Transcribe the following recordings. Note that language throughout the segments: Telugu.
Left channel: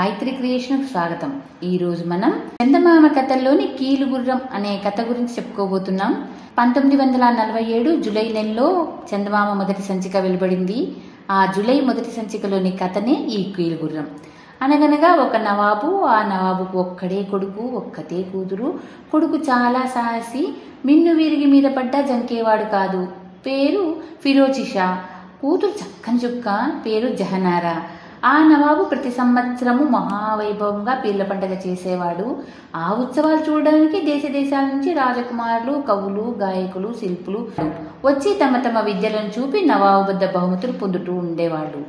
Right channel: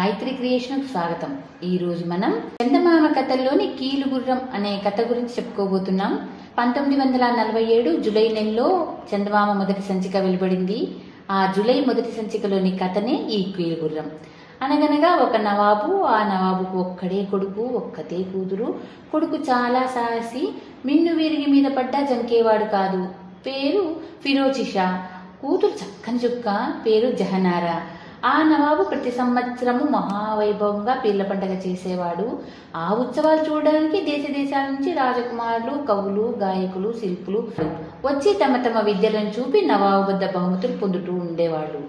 గాయత్రి క్రియేషన్ స్వాగతం. ఈ రోజు మనం చందమామ కథల్లోని కీలుగుర్రం అనే కథ గురించి చెప్పుకోబోతున్నాం. 1947 జూలై నెలలో చందమామ మొదటి సంచిక వెలువడింది. ఆ జూలై మొదటి సంచికలోని కథనే ఈ కీలుగుర్రం. అనగనగా ఒక నవాబు, ఆ నవాబుకు ఒక్కడే కొడుకు, ఒక్కతే కూతురు. కొడుకు చాలా సాహసి, మిన్ను వీరిగి మీద పడ్డా జంకేవాడు కాదు. పేరు ఫిరోజ్ షా. కూతురు చక్కని చుక్క, పేరు జహనారా. ఆ నవాబు ప్రతి సంవత్సరము మహావైభవంగా పీర్ల పండుగ చేసేవాడు. ఆ ఉత్సవాలు చూడడానికి దేశ దేశాల నుంచి రాజకుమారులు, కవులు, గాయకులు, శిల్పులు వచ్చి తమ తమ విద్యలను చూపి నవాబు వద్ద బహుమతులు పొందుతూ ఉండేవాళ్ళు.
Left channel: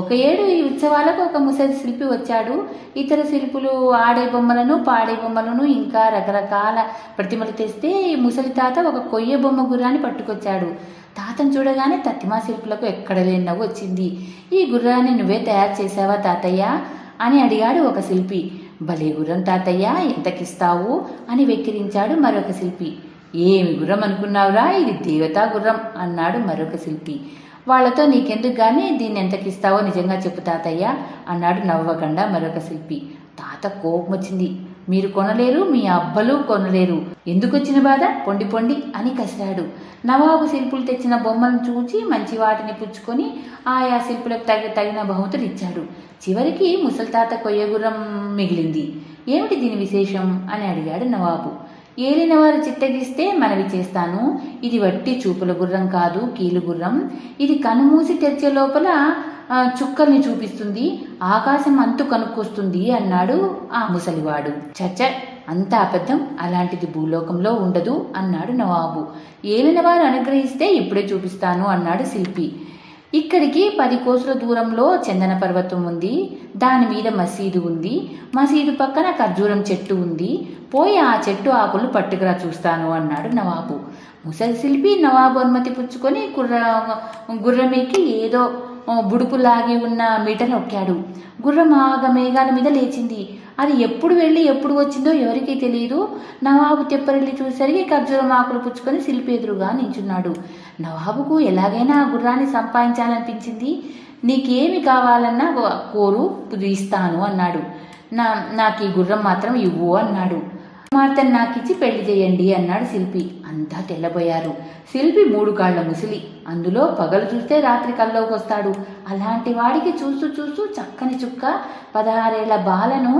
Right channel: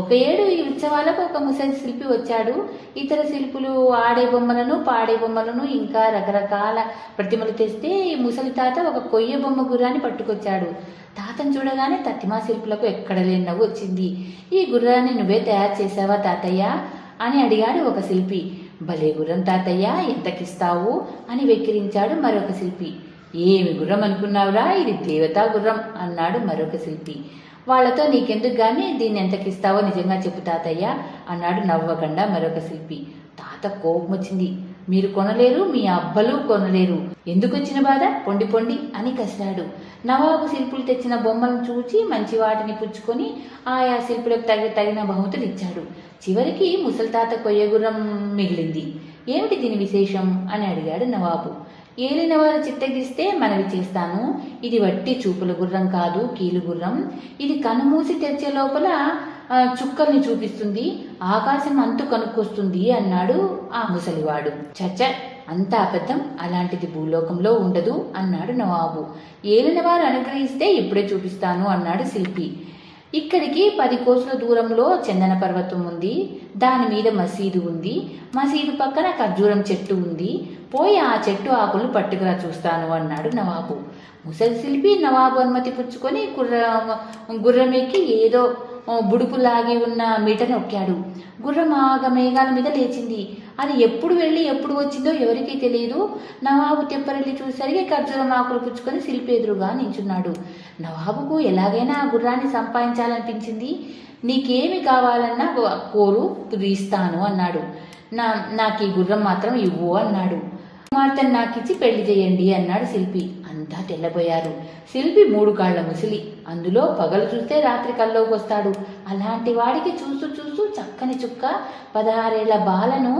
ఒక ఏడు ఈ ఉత్సవాలకు ఒక ముసలి శిల్పి వచ్చాడు. ఇతర శిల్పులు ఆడే బొమ్మలను, పాడే బొమ్మలను, ఇంకా రకరకాల ప్రతిమలు తెస్తే ఈ ముసలి తాత ఒక కొయ్య బొమ్మ గుర్రాన్ని పట్టుకొచ్చాడు. తాతను చూడగానే తత్తిమా శిల్పులకు ఎక్కడ లేని నవ్వు వచ్చింది. ఈ గుర్రాన్ని నువ్వే తయారు చేసావా తాతయ్య అని అడిగాడు ఒక శిల్పి. భలే గుర్రం తాతయ్య, ఎంతకిస్తావు అని వెక్కిరించాడు మరొక శిల్పి. ఏమి గుర్రం అనుకున్నావురా, ఇది దేవతా గుర్రం అన్నాడు మరొక శిల్పి. వాళ్లతో నీకెందుకు గాని దీన్ని ఎంతకిస్తావో నిజంగా చెప్పు తాతయ్య అన్నాడు నవ్వకుండా మరొక శిల్పి. తాత కోపం వచ్చింది. మీరు కొనలేరు, మీ అబ్బలు కొనలేరు, ఎందుకు వచ్చిన బాధ, పొండి పొండి అని కసిరాడు. నవాబు శిల్పులు తెచ్చిన బొమ్మలను చూచి మంచి వాటిని పుచ్చుకొని ఆయా శిల్పులకు తగిన బహుమతులు ఇచ్చాడు. చివరికి ముసలి తాత కొయ్యగుర్రం మిగిలింది. ఏమిటి దీని విశేషం అని అడిగాడు నవాబు. ఏలినవారు చిత్తగిస్తే మనవి చేస్తాను. ఇది వట్టి చూపుల గుర్రం కాదు, కీలుగుర్రం. ఇది కనుమూసి తెరిచే లోపల చుక్కల్ని చూపిస్తుంది, ఆకాశం అంతు కనుక్కొస్తుంది అన్నాడు ఆ ముసలివాడు. చచ్చ, అంత అబద్ధం, అలాంటిది భూలోకంలో ఉండదు అన్నాడు నవాబు. ఏలినవారు అనుగ్రహిస్తే ఇప్పుడే చూపిస్తాను అన్నాడు శిల్పి. ఇక్కడికి 10 కోసుల దూరంలో చందన పర్వతం ఉంది. దాని మీద మసీదు ఉంది. మసీదు పక్కన ఖర్జూరం చెట్టు ఉంది. పోయి ఆ చెట్టు ఆకులు పట్టుకురా చూస్తాను అన్నాడు నవాబు. ముసలి శిల్పి నవాబు అనుమతి పుచ్చుకొని గుర్రమెక్కి ఏదో బుడుపు లాగి ఉన్న మీట నొక్కాడు. గుర్రం మేఘాల మీద లేచింది. అది ఎప్పుడు వెళ్ళి ఎప్పుడు వచ్చిందో ఎవరికీ తెలియదు. నవాబు తెప్పరెళ్ళి చూసరికి ఖర్జూరం ఆకులు పుచ్చుకొని శిల్పి ఎదురుగా నించున్నాడు. నవాబుకు ఎలాగైనా ఆ గుర్రాన్ని సంపాదించాలనిపించింది. నీకేమి కావాలన్నా కోరు, ఇస్తాను అన్నాడు. నాకు ఈ గుర్రం మాత్రం ఇవ్వు అన్నాడు. కుమార్తెను నాకిచ్చి పెళ్లి చేయండి అన్నాడు శిల్పి. అంతా తెల్లబోయారు. శిల్పి 3 కాళ్ల ముసలి, అందులో పగలు చూస్తే రాత్రి కల్లోకి వస్తాడు. అలాంటి వాడికి చూస్తూ చూస్తూ చక్కని చుక్క 16 ఏళ్ల బాలను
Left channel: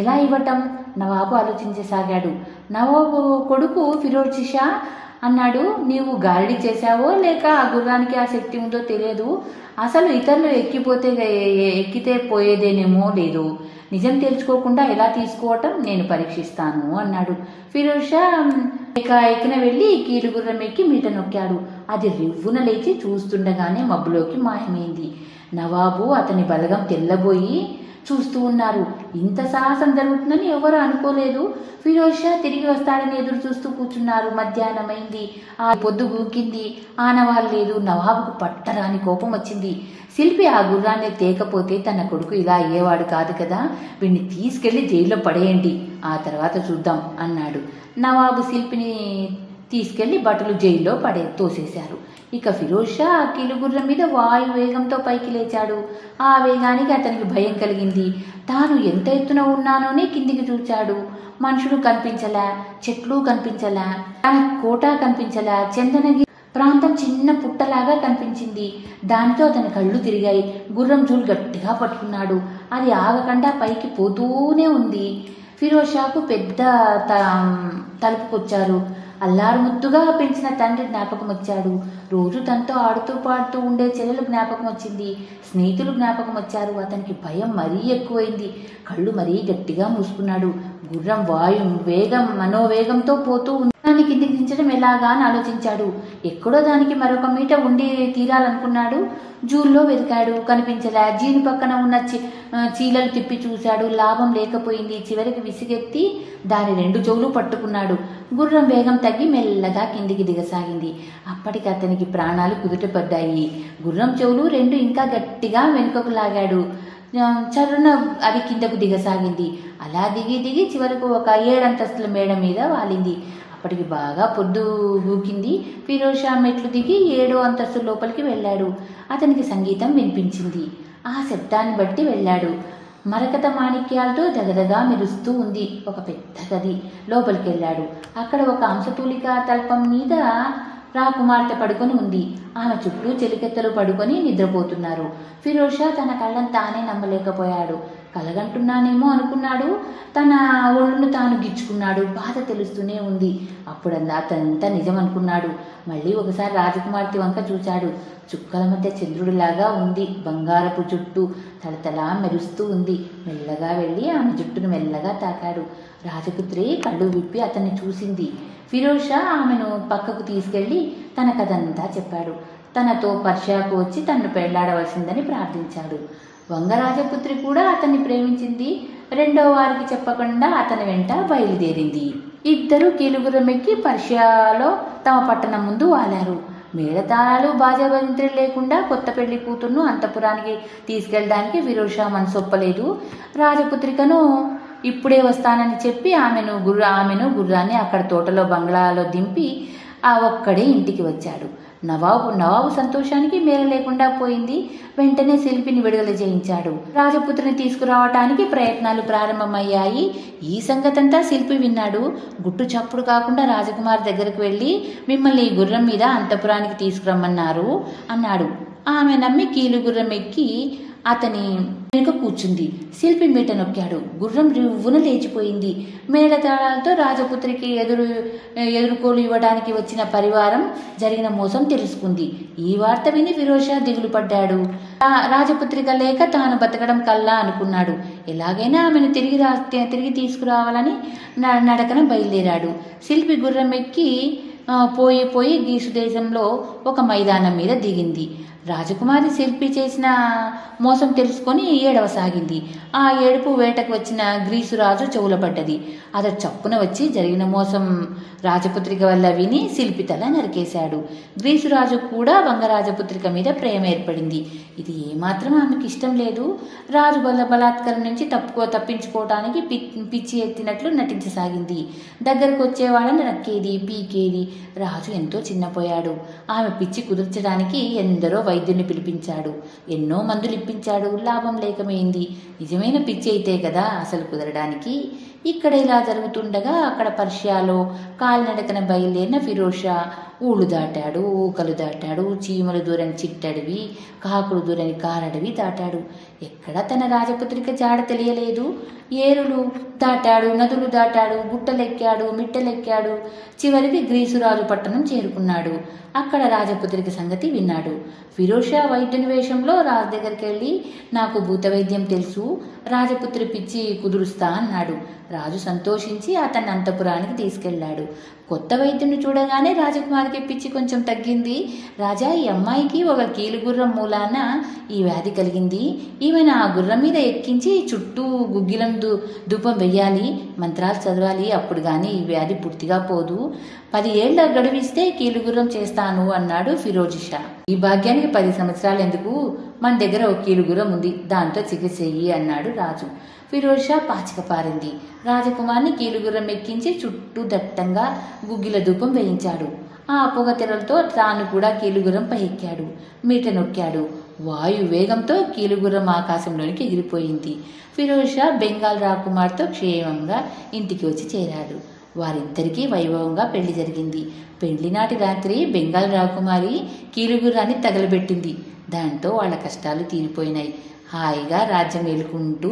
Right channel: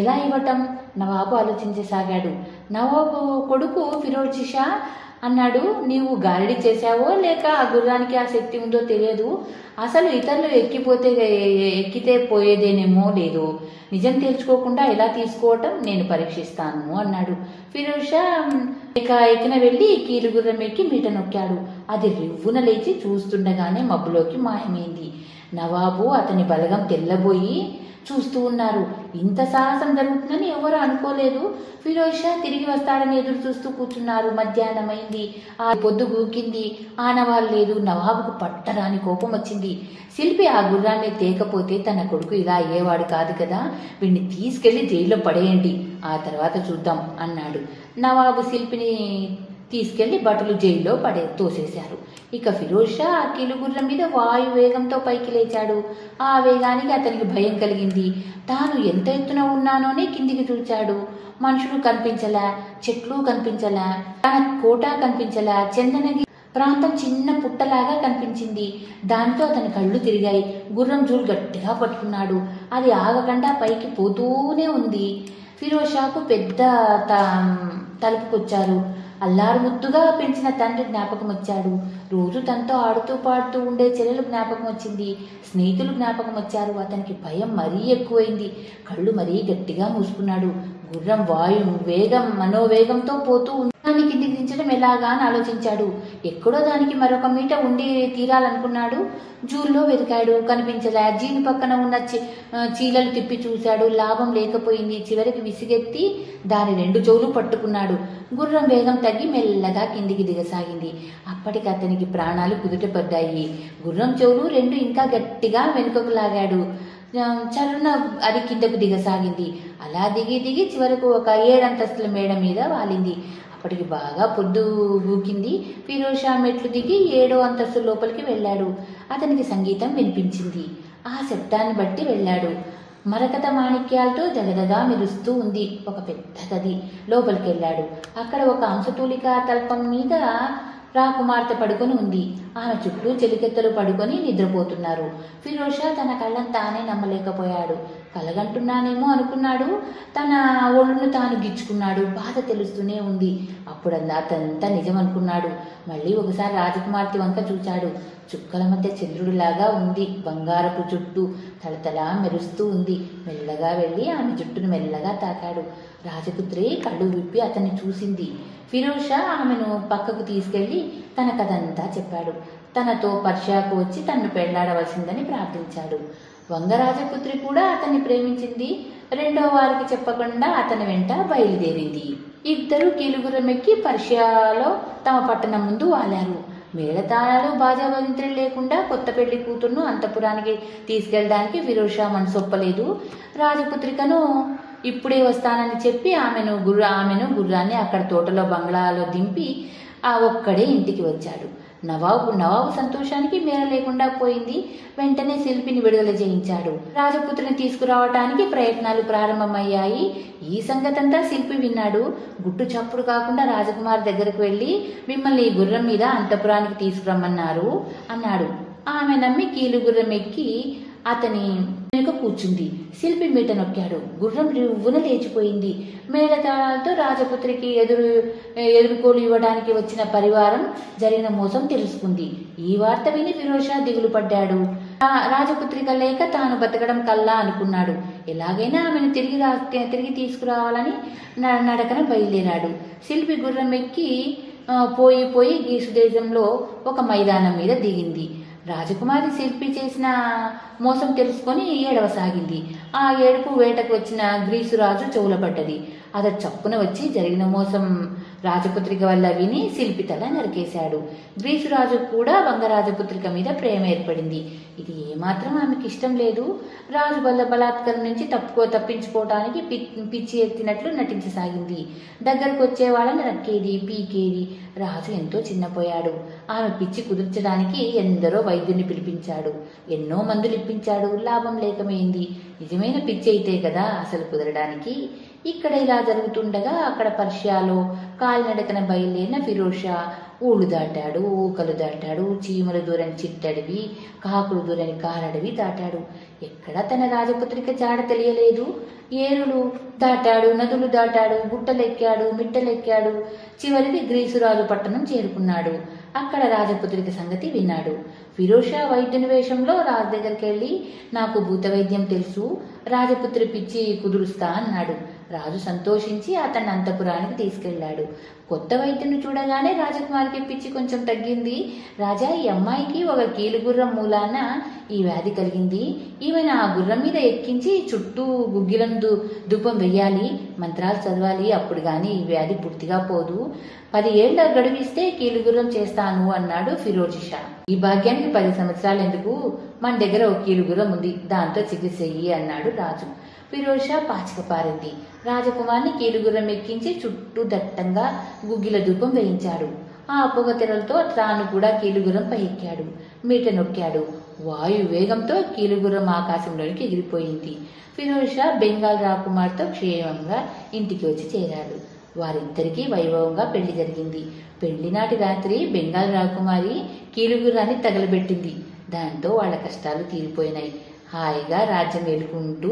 ఎలా ఇవ్వటం? నవాబు ఆలోచించసాగాడు. నవాబు కొడుకు ఫిరోజ్ షా అన్నాడు, నీవు గారడీ చేశావో లేక ఆ గుర్రానికి ఆ శక్తి ఉందో తెలియదు. అసలు ఇతరులు ఎక్కితే పోయేదేనేమో లేదు. నిజం తెలుసుకోకుండా ఎలా తీసుకోవటం నేను పరీక్షిస్తాను అన్నాడు. ఫిరోజ్ షా ఎక్కిన వెళ్ళి కీలుగుర్రం ఎక్కి మీట నొక్కాడు. అది రివ్వున లేచి చూస్తుండగానే మబ్బులోకి మాయమైంది. నవాబు అతని బలగం తెల్లబోయి చూస్తూ ఉన్నారు. ఇంత సాహసం జరుగుతుందని ఎవరు అనుకోలేదు. ఫిరోజ్ షా తిరిగి వస్తాడని ఎదురు చూస్తూ కూర్చున్నారు. మధ్యాహ్నమైంది. ఆ పొద్దు గూకింది. ఆనవాళ్ళు లేదు. నవాబుకు పట్టరాని కోపం వచ్చింది. శిల్పి ఆ గుర్రాన్ని తేకపోతే తన కొడుకు ఇలా అయ్యేవాడు కాదు కదా, వీడిని తీసుకెళ్లి జైల్లో పడేయండి, ఆ తర్వాత చూద్దాం అన్నాడు. నవాబు శిల్పిని తీసుకెళ్లి భటులు జైల్లో తోసేశారు. ఇక ఫిరోజ్ షా కీలుగుర్రం మీద వాయు వేగంతో పైకి లేచాడు. ఆ వేగానికి అతనికి భయం కలిగింది. తాను ఎంత ఎత్తున ఉన్నానోనే కిందికి చూచాడు. మనుషులు కనిపించలే, చెట్లు కనిపించలే, తన కోట కనిపించలే. చందనగిరి ప్రాంతం చిన్న పుట్టలాగా కనిపించింది. దానితో అతని కళ్ళు తిరిగాయి. గుర్రం జూలు గట్టిగా పట్టుకున్నాడు. అది ఆగకుండా పైకి పోతూనే ఉంది. ఫిరోజ్ షాకు పెద్ద తలుపుకొచ్చారు. అల్లారు ముద్దుగా పెంచిన తండ్రి జ్ఞాపకం వచ్చాడు. రోజు తనతో ఆడుతూ పాడుతూ ఉండే చెల్లెలు జ్ఞాపకం వచ్చింది. స్నేహితులు జ్ఞాపకం వచ్చారు. అతనికి భయం మరీ ఎక్కువైంది. కళ్ళు మరీ గట్టిగా మూసుకున్నాడు. గుర్రం మనోవేగంతో పోతూ దాన్ని కిందికి దించడం ఎలాగా అని ఆలోచించాడు. ఎక్కడో దానికి మరొక మీట ఉండి తీరాలనుకున్నాడు. జూల్లో వెతికాడు, కనిపించలే. జీను పక్కన ఉన్న చీలలు తిప్పి చూశాడు. లాభం లేకపోయింది. చివరికి విసిగెత్తి దాని 2 చెవులు పట్టుకున్నాడు. గుర్రం వేగం తగ్గి మెల్లగా కిందికి దిగసాగింది. అప్పటికి అతనికి ప్రాణాలు కుదుటపడ్డాయి. గుర్రం చెవులు 2 ఇంకా గట్టిగా వెనుకకు లాగాడు. చరున అది కిందకు దిగసాగింది. అలా దిగి చివరకు ఒక 7 అంతస్తుల మేడ మీద వాలింది. అప్పటికి బాగా పొద్దు గూకింది. ఫిరోజ్ షా మెట్లు దిగి 7వ అంతస్తు లోపలికి వెళ్ళాడు. అతనికి సంగీతం వినిపించింది. ఆ శబ్దాన్ని బట్టి వెళ్ళాడు. మరకత మాణిక్యాలతో దగదగా మెరుస్తూ ఉంది ఒక పెద్ద గది. లోపలికి వెళ్ళాడు. అక్కడ ఒక అంశతూలికా తల్పం మీద రాకుమార్తె పడుకొని ఉంది. ఆమె చుట్టూ చెలికెత్తలు పడుకొని నిద్రపోతున్నారు. ఫిరోజ్ షా తన కళ్ళను తానే నమ్మలేకపోయాడు. కలగంటున్నానేమో అనుకున్నాడు. తన ఒళ్ళును తాను గిచ్చుకున్నాడు. బాధ తెలుస్తూనే ఉంది. అతనంతా నిజం అనుకున్నాడు. మళ్ళీ ఒకసారి రాజకుమార్తె వంక చూశాడు. చుక్కల మధ్య చంద్రుడిలాగా ఉంది. బంగారపు జుట్టు తలతలా మెరుస్తూ ఉంది. మెల్లగా వెళ్ళి ఆమె జుట్టును మెల్లగా తాకాడు. రాజపుత్రి కళ్ళు విప్పి అతన్ని చూసింది. ఫిరోజ్ షా ఆమెను పక్కకు తీసుకెళ్లి తన కథంతా చెప్పాడు. తనతో పర్షియాకు వచ్చి తనను పెళ్లాడవలసిందని ప్రార్థించాడు. వంగరాజపుత్రి కూడా అతన్ని ప్రేమించింది. రెండో వారికి చెప్పకుండా అతని వెంట బయలుదేరింది. ఇద్దరు కీలుగుర్రం ఎక్కి పర్షియాలో తమ పట్టణం ముందు వాలారు. మేళతాళాలు బాజాబంత్రులు లేకుండా కొత్త పెళ్లి కూతుర్ను అంతఃపురానికి తీసుకెళ్ళడానికి ఫిరోజ్ షా మనసొప్పలేదు. రాజపుత్రికను ఇప్పుడే వస్తానని చెప్పి ఆమెను గుర్రాన్ని అక్కడ తోటలో బంగ్లాలో దింపి ఒక్కడే ఇంటికి వచ్చాడు. నవాబు సంతోషానికి మేర లేకుండా పోయింది. వెంటనే శిల్పిని విడుదల చేయించాడు. రాజపుత్రిని తీసుకురావటానికి ప్రయత్నాలు ప్రారంభమయ్యాయి. ఈ సంగతంతా శిల్పి విన్నాడు. గుట్టు చప్పుడు కాకుండా రాజకుమారి దగ్గరకు వెళ్ళి మిమ్మల్ని గుర్రం మీద అంతఃపురానికి తీసుకురమ్మన్నారు అన్నాడు. ఆమె నమ్మి కీలు గుర్రం ఎక్కి అతని వెనుక కూర్చుంది. శిల్పి మీట నొక్కాడు. గుర్రం రివ్వున లేచిపోయింది. మేళతాళాలతో రాజపుత్రికి ఎదుర్కోలు ఇవ్వడానికి వచ్చిన పరివారం జరిగిన మోసం తెలుసుకుంది. ఈ వార్త విని ఫిరోజ్ షా దిగులు పడ్డాడు. రాజపుత్రిక లేక తాను బతకడం కల్లా అనుకున్నాడు. ఎలాగైనా ఆమెను తిరిగి తీసుకురావాలని నడకన బయలుదేరాడు. శిల్పి గుర్రం ఎక్కి పోయి గ్రీసు దేశంలో ఒక మైదానం మీద దిగింది. రాజకుమారి శిల్పి చేసిన మోసం తెలుసుకొని ఏడవసాగింది. ఆ ఏడుపు వేటకు వచ్చిన గ్రీసురాజు చెవులపడ్డది. అతడు చప్పున వచ్చి జరిగిన మోసం రాజపుత్రిక వల్ల విని శిల్పి తల నరికేశాడు. గ్రీసురాజు కూడా వంగరాజపుత్రిక మీద ప్రేమ ఏర్పడింది. ఇది ఏమాత్రం ఆమెకి ఇష్టం లేదు. రాజు బలాత్కారం నుంచి తప్పించుకోవటానికి పిచ్చి ఎత్తినట్లు నటించసాగింది. దగ్గరకు వచ్చే వాళ్ళని నక్కేది, పీకేది. రాజు ఎంతో చిన్నపోయాడు. ఆమె పిచ్చి కుదుర్చడానికి ఎందరో వైద్యుని పిలిపించాడు. ఎన్నో మందులు ఇప్పించాడు. లాభం లేకమైంది. నిజమైన పిచ్చి అయితే కదా అసలు కుదరడానికి. ఇక్కడ ఇలా జరుగుతుండగా అక్కడ పర్షియాలో కాలినడకన బయలుదేరిన ఫిరోజ్ షా ఊళ్ళు దాటాడు, ఊకలు దాటాడు, చీమలు దూరని చిట్టడివి, కాకులు దూరని కారడవి దాటాడు. ఎక్కడ తన రాజపుత్రిక జాడ తెలియలేదు. ఏరులు దాటాడు, నదులు దాటాడు, గుట్టలెక్కాడు, మిట్టలెక్కాడు. చివరికి గ్రీసురాజు పట్టణం చేరుకున్నాడు. అక్కడ రాజపుత్రిక సంగతి విన్నాడు. ఫిరోజ్ షా వైద్యుని వేషంలో రాజు దగ్గరికి వెళ్ళి నాకు భూత వైద్యం తెలుసు, రాజపుత్రి పిచ్చి కుదురుస్తా అన్నాడు. రాజు సంతోషించి అతన్ని అంతఃపురానికి తీసుకెళ్లాడు. కొత్త వైద్యుని చూడగానే రాజకుమారికి పిచ్చి కొంచెం తగ్గింది. రాజా, ఈ అమ్మాయికి ఒక కీలుగుర్రం మూలాన ఈ వ్యాధి కలిగింది. ఈమెను ఆ గుర్రం మీద ఎక్కించి చుట్టూ గుగ్గిలం ధూపం వెయ్యాలి, మంత్రాలు చదవాలి. అప్పుడు గాని ఈ వ్యాధి పూర్తిగా పోదు. 10 ఏళ్ల గడువిస్తే కీలుగుర్రం చేస్తాను అన్నాడు ఫిరోజ్ షా. ఈ భాగ్యానికి 10 సంవత్సరాలు ఎందుకు? మన దగ్గర ఒక కీలుగుర్రం ఉంది, దాంతో చికిత్స చెయ్యి అన్నాడు రాజు. ఫిరోజ్ షా పాచిక పారింది. రాజకుమార్ని కీలుగుర్రం ఎక్కించి చుట్టూ దట్టంగా గుగ్గిల ధూపం వేయించాడు. ఆ పొగ తెరలతో తాను కూడా కీలుగుర్రంపై ఎక్కాడు. మీట నొక్కాడు. వాయు వేగంతో కీలుగుర్రం ఆకాశంలోనికి ఎగిరిపోయింది. ఫిరోజ్ షా బెంగాల్ రాకుమార్తో క్షేమంగా ఇంటికి వచ్చి చేరాడు. వారిద్దరికీ వైభవంగా పెళ్లి జరిగింది. పెళ్లి నాటి రాత్రి బెంగాల్ రాకుమారి కీలుగుర్రాన్ని తగలబెట్టింది. దాంతో వాళ్ళ కష్టాలు తీరిపోయినాయి. హాయిగా రాజ్యం ఏలుకుంటూ